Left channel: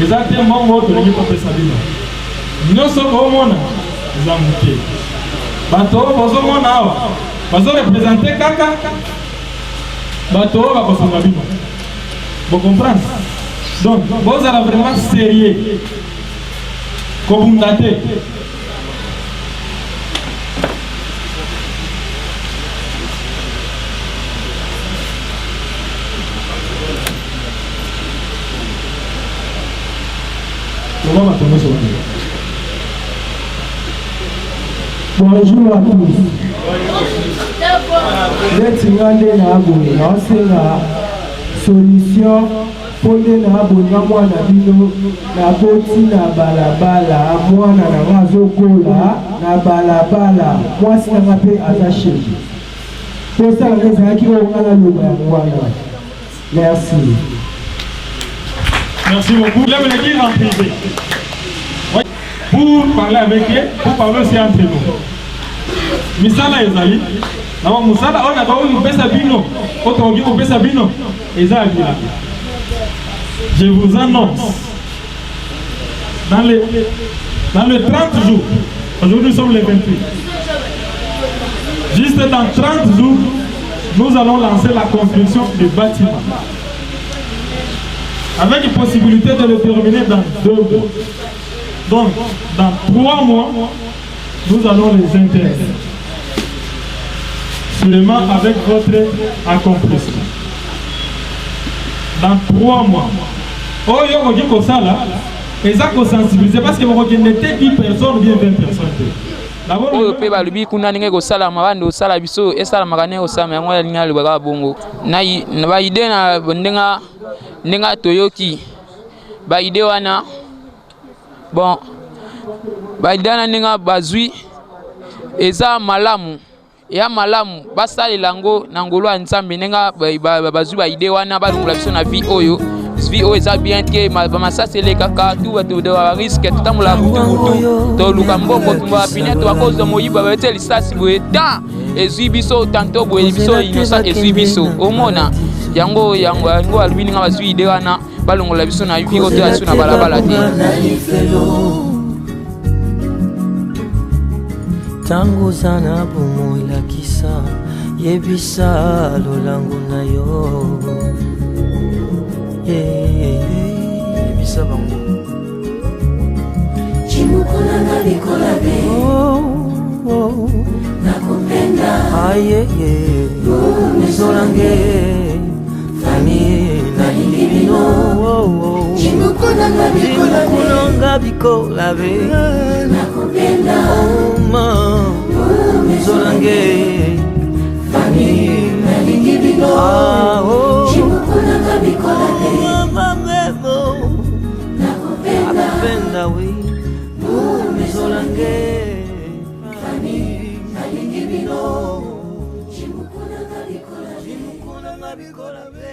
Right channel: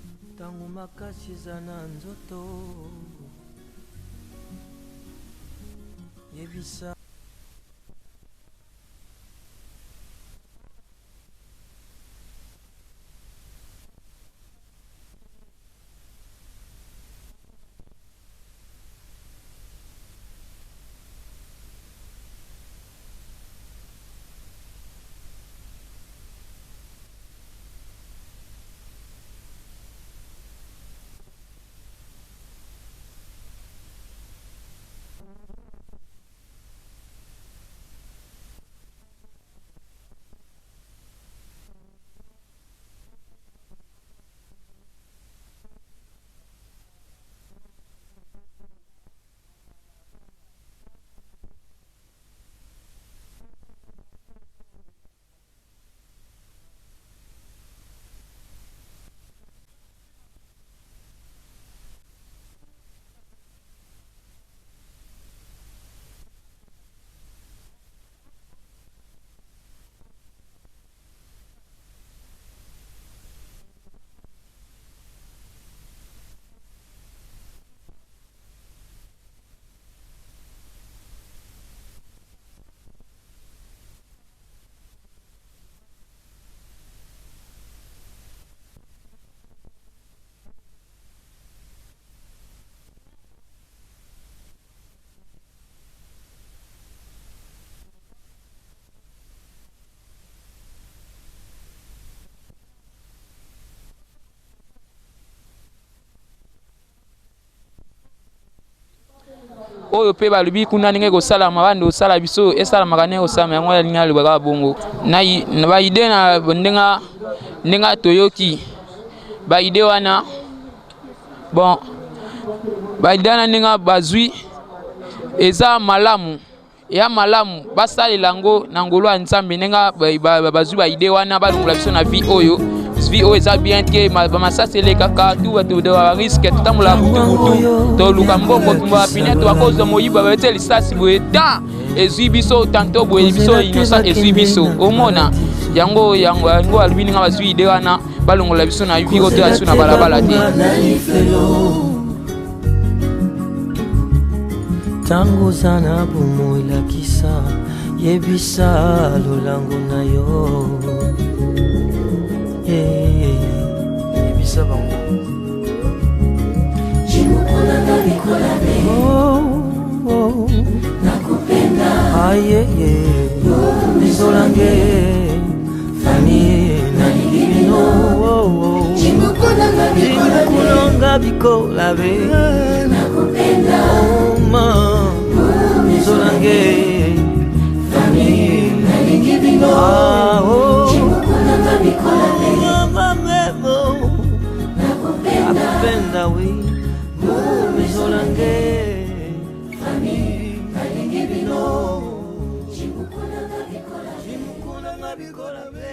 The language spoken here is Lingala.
Exactement, moi, je vais pas ça. Nous sommes au monde, nous avons muté. Bateau, nous sommes là. Nous représenter Kaka. Bateau, va passer la vie. Vous comprenez? Donc, vous allez vraiment sérieux. Comme vous datez. Bonjour à tous. Let's regarder la solution pour les abonnements na boti na balabala mwana na mazokola na balabala mwasi na pe azache. Pour ça les aki ongala loba mwana. Merci. Merci beaucoup. Je vais le dire en privé. Pour parler avec eux, pour parler aussi entre nous. Misala ezali. Na musala on a ba o pesa bino. Otongi ko pesa bino. Ezali. Je vous annonce. Dans les 30 jours. Aujourd'hui nous sommes les 28. Juste dans 30 jours, nous allons lancer la construction du bâtiment. Avec une possibilité de le terminer dans 2 mois. Donc, dans 3 mois, nous allons les intéresser. Seulement avec votre accomplissement. Dans 3 mois. Oh, yo, dit que ça là, et ça qu'on sensibilise parce que vous n'êtes 10 personnes ou bien 20 personnes. Oyo pe balubi kuna ninge ko sala mabande o sala biso esala magane o sama yango ya linga lubaka bongo na ba ide na ndenga toyoki ba ide wana bon ba ide na ndenga bazui eza malamu ya malamu basali lango na ngolo ya nzambe ndenga bazui ba ide wana balungula biso na vie oyo eza bien que ma ça c'est les kaka tout va de risque tout tamula butu to luka mboko tumba pine to cause de moyiba ba teli ça si boeta ezui biso tanto boye biso inosa ezui biso omona yango albini nga bazui ide wana balongola biso na viko to asu na balabala te tango sana bumoila kisa yebisa lolango na yo yebisa bango chimukona ngabikola be oh nakupenda aye nizolange fami na libino chimukona ngabikola be nakupenda oh ma nizolange fami na libino oh chimukona ngabikola nakupenda we mizolange fani alingibino chimukuna ngabikola be